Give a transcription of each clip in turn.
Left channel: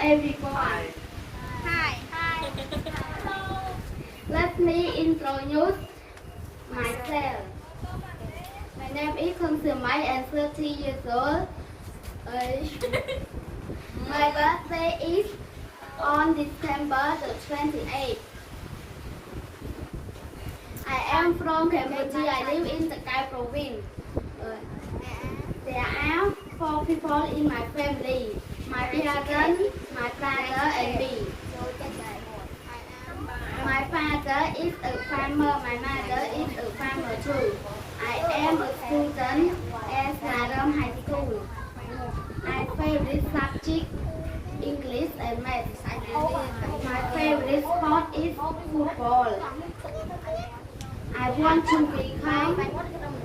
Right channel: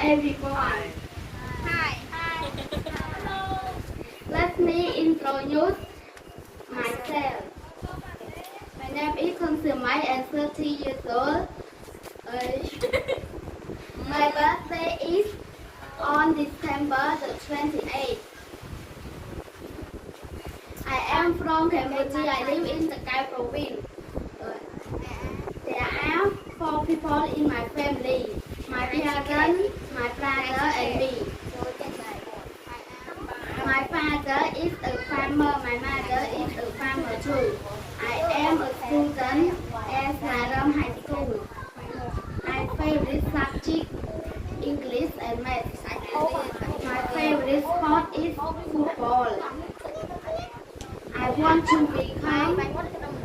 everyone. Hi. Let me introduce myself. My name is Soeung and 30 years old. My birthday is on December the 28th. I am from Cambodia. I live in the Kai province. There are 4 people in my family. My parents, my brother and me. My father is a farmer. My mother is a farmer too. I am a student at Naram High School. My favorite subject English and math. My favorite sport is football. I want to become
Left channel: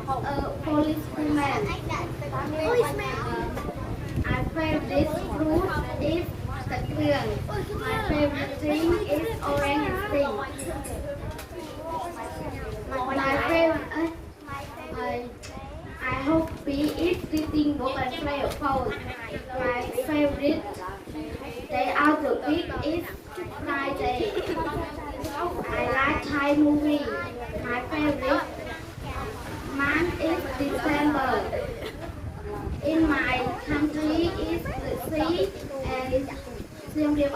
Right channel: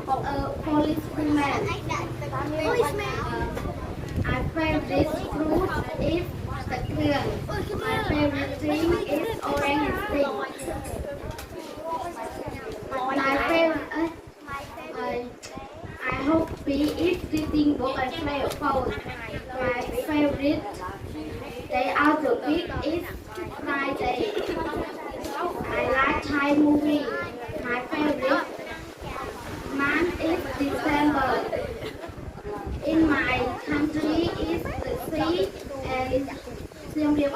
a policeman. My favorite fruit is the Soeung. My favorite thing is orange and pink. My favorite I hope is reading book and play a phone. My favorite day of the week is Friday. I like Thai movie. My favorite month is December. In my country is the sea and Siem Reap.